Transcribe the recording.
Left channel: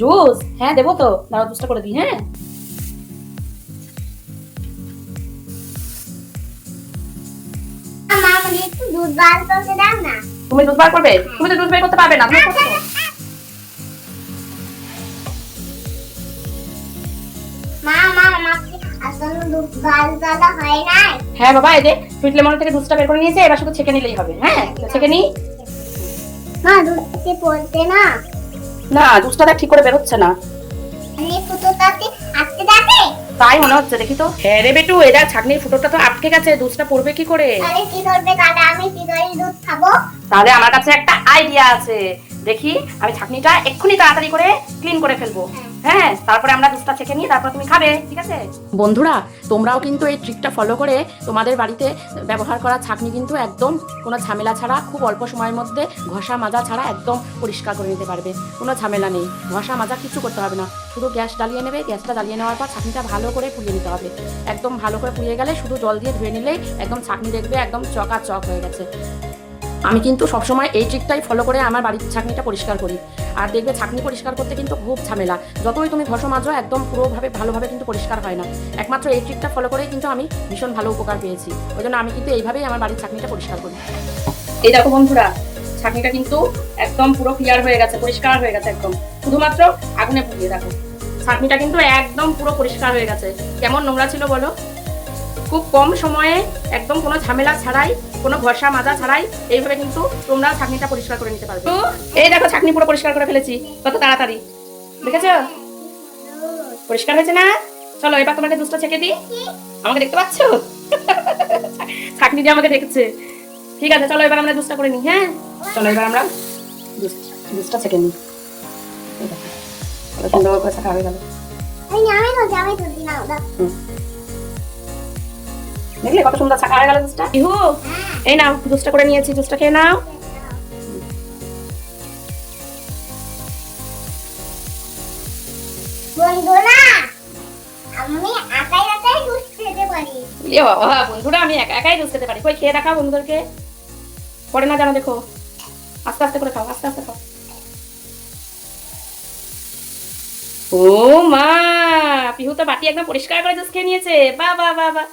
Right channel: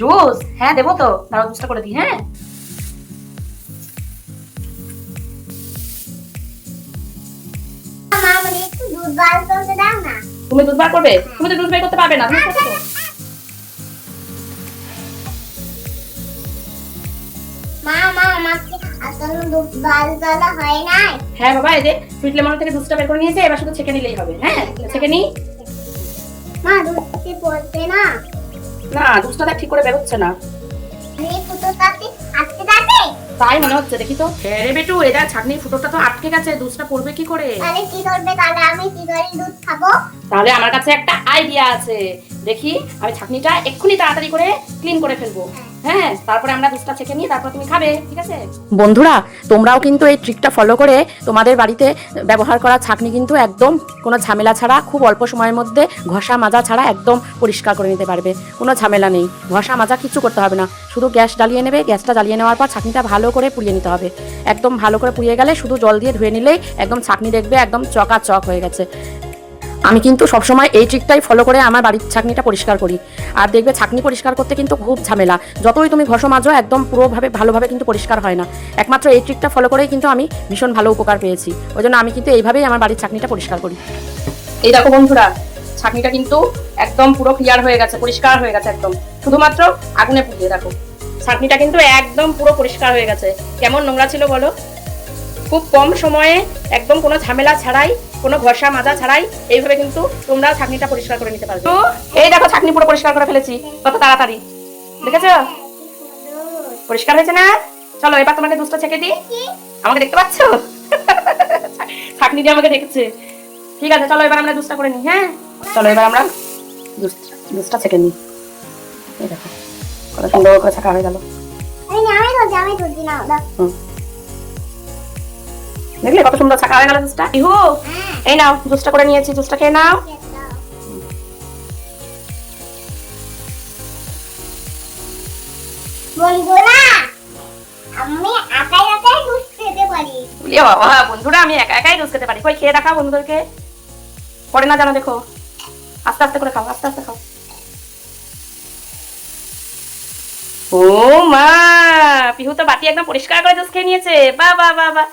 Juice? হ্যাঁ দেবো তো, দাঁড়াও জুসটা করে দিই। হ্যাঁ মা আমাকে একটু দুধ বার করতে দাও না। তুমি দুধ বার করবে? তুমি তো দুধ বের করতে পারবে না, তুমি করছো। মা মা আমাকে আসলে দুধ বার করা হয় নাই। হ্যাঁ বাবা, এই যে সুইট লেমন থেকে জুসটা বের করে নিয়েছে, এবার শুধু ছেঁকে নিলেই হবে। হ্যাঁ ছেঁকে নি। মা দুধকে পড়ছে না। না, জুসটা দেখ ঠিক করে বেরোচ্ছে না। এই ফুটোটাতে আটকে যাবে। তাই মনে হচ্ছে, দেখি তো। হ্যাঁ রে বেটু, এটা ছাঁকনির ফুটোটা তো আটকে গেছে, দুধটা পড়বে কি করে? তাহলে কি করবে? তাহলে আমি কি করে দুধ খাবো? তাহলে আমার কাছে একটা আইডিয়া আছে, দেখি আমি ছাঁকনিটা এক্ষুনি তাড়াতাড়ি করে ক্লিন করে ফেলবো। হ্যাঁ, তারপরে আমরা দুধটা ছেঁকে নিই, তারপর তুমি খাবে, ঠিক আছে? বন্ধুরা, তোমরাও কিন্তু এই ট্রিকটা ফলো করে তোমাদের বাড়িতে ব্যবহার করা ছাঁকনি কিন্তু একদম কোনো ঝামেলা ছাড়া, খুব অল্প সময়ের মধ্যে ঘষা মাজা ছাড়া একদম পরিষ্কার করে নিতে পারবে। কোনো ঝামেলা নেই, ঘষা মাজা কিছু করতে হবে না। শুধু গ্যাস জ্বালিয়ে নেবে, গ্যাসটা জ্বালিয়ে নেওয়ার পর ছাঁকনিটা ভালো করে পুড়িয়ে নিতে হবে। একদম ভালো করে পুড়িয়ে গেলে শুধু জল দিয়ে ধুয়ে নিলেই একদম ছাঁকনি দেখবে একদম চকাচক হয়ে গেছে। আমি কিন্তু সবসময় এই ট্রিকটাই ফলো করে আমার বাড়ির ছাঁকনিটা পরিষ্কার করি। আর দেখবে ছাঁকনি পরিষ্কার করতে কিন্তু খুব ঝামেলা, যতই তুমি ঘষো মাজো একদম পুরোভাবে ভালোভাবে কিন্তু পরিষ্কার হয় না। একমাত্র এই ট্রিকটা ফলো করেই কিন্তু আমি ভীষণ ভালো উপকার পেয়েছি। ওই জন্য আমি কিন্তু এইভাবেই আমার বাড়ির ছাঁকনিটা পরিষ্কার করি। এই দেখো বন্ধুরা, ছাঁকনিটা কিন্তু একদম পুরো ক্লিয়ার হয়ে গেছে, পরিষ্কার হয়ে গেছে একদম, শুধুমাত্র আগুনে পুড়িয়ে। দেখো ছাঁকনিটা কিন্তু একদম পুরো পরিষ্কার হয়ে গেছে। কেমন নোংরা ছিল বলো? খুব কম সময়ে একদম কোনো ঝামেলা ছাড়াই, কোনো ঘষা মাজা ছাড়াই এইভাবে কিন্তু তোমরা ছাঁকনিটা পরিষ্কার করে নিতে পারবে। তো এই দেখো ছাঁকনি পুরো পরিষ্কার করে ফেলেছি, কত তাড়াতাড়ি, দেখেছো? পরিষ্কার হয়েছে না? চলো এবার তোমাকে দুধটা ছেঁকে দিই। আমাকে দেখতে পাচ্ছ? ছাঁকনি দিয়ে আমাকে দেখেছে। ঠিক আছে, চলো এবার আমরা দুধটা করে নিই। হ্যাঁ চলো এবার আমরা দুধটা ছেঁকে নিই। এই দেখো কত সুন্দর করে ছাঁকা হয়ে গেল। আমি দুধ দিলাম দাও। দেখলে কত সুন্দর ছাঁকা হয়ে গেল জুসটা। ইহু, এই নাও জুসটা করে নিয়েছি, জুসটা খেয়ে নাও। বন্ধুরা, আমি একাই একাই দুধ খেতে পারি। বলি বাবা, বন্ধুরা আমি একা একাই জুস খেতে পারি। কই খেয়ে দেখাও বন্ধুদেরকে, পড়ে না জানো, দেখো আস্তে আস্তে করে খাও, আস্তে আস্তে খাও। ও মা, পিহু তো বাটি একদম পরিষ্কার করে জুস খেয়ে নিয়েছে। বাহ বাহ বাহ বাহ।